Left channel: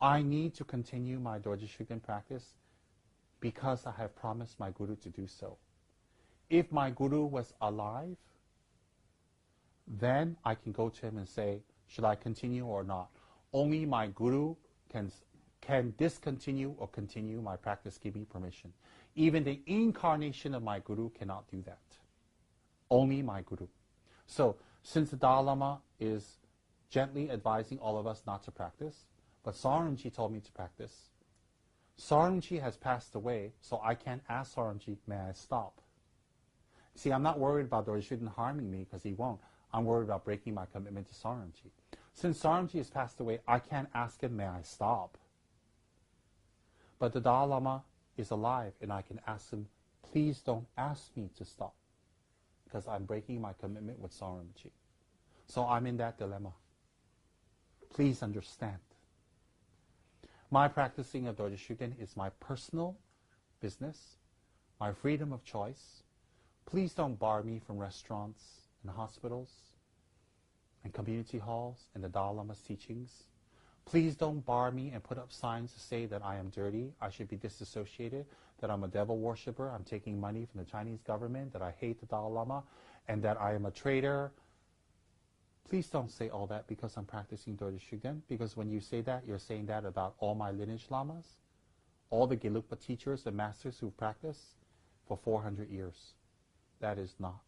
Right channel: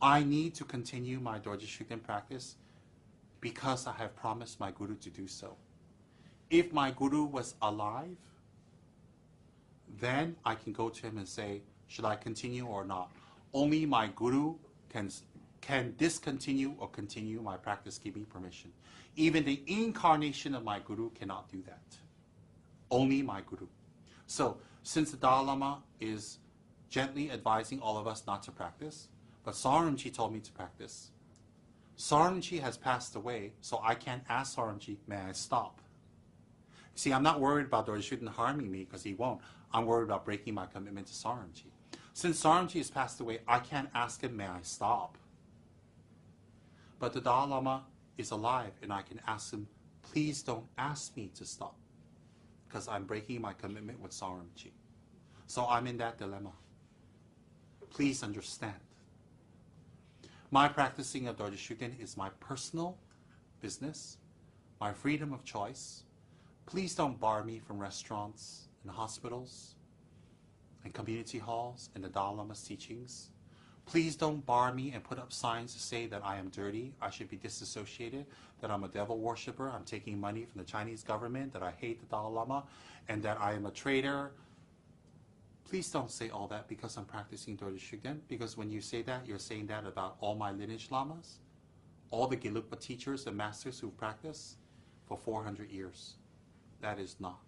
I need to continue my Dorje Shugden practice because I have promised my Guru to do so. If my Guru was alive, then I can go to him and say, should I continue or not? Only my Guru can discontinue or continue my practice. Give me permission. Even the incarnation of my Guru cannot do that. Only my Guru. So, since the Dalai Lama is gently advising all of us not to practice, but Saranji told me to practice. Saranji has passed away, so I can't ask Saranji, may I stop? See, I'm not worried about Dorje Shugden harming me, because he won't. I'm worried about breaking my commitment to Saranji. Since Saranji has passed away, I can't ask him, may I stop? But the Dalai Lama is alive, and I can ask him, please don't ask me to stop, because I'm breaking my commitment with Saranji. So I'm in that dilemma. Please understand. My practicing of Dorje Shugden is my personal business, my freedom of choice. Please don't bar me from restaurants and hospitals and community halls and the Dalai Lama's teachings. Please don't bar me and put up signs to say that I am dirty, I should be disassociated, that I'm a devil worshiper, I'm taking money from the Chinese government, that I hate the Dalai Lama, and that I am a traitor. Please don't say all that because I'm practicing Dorje Shugden, because when you say that, you're saying that about all my lineage lamas, all the Gelugpa teachers and masters who've practiced for 400 years. That is not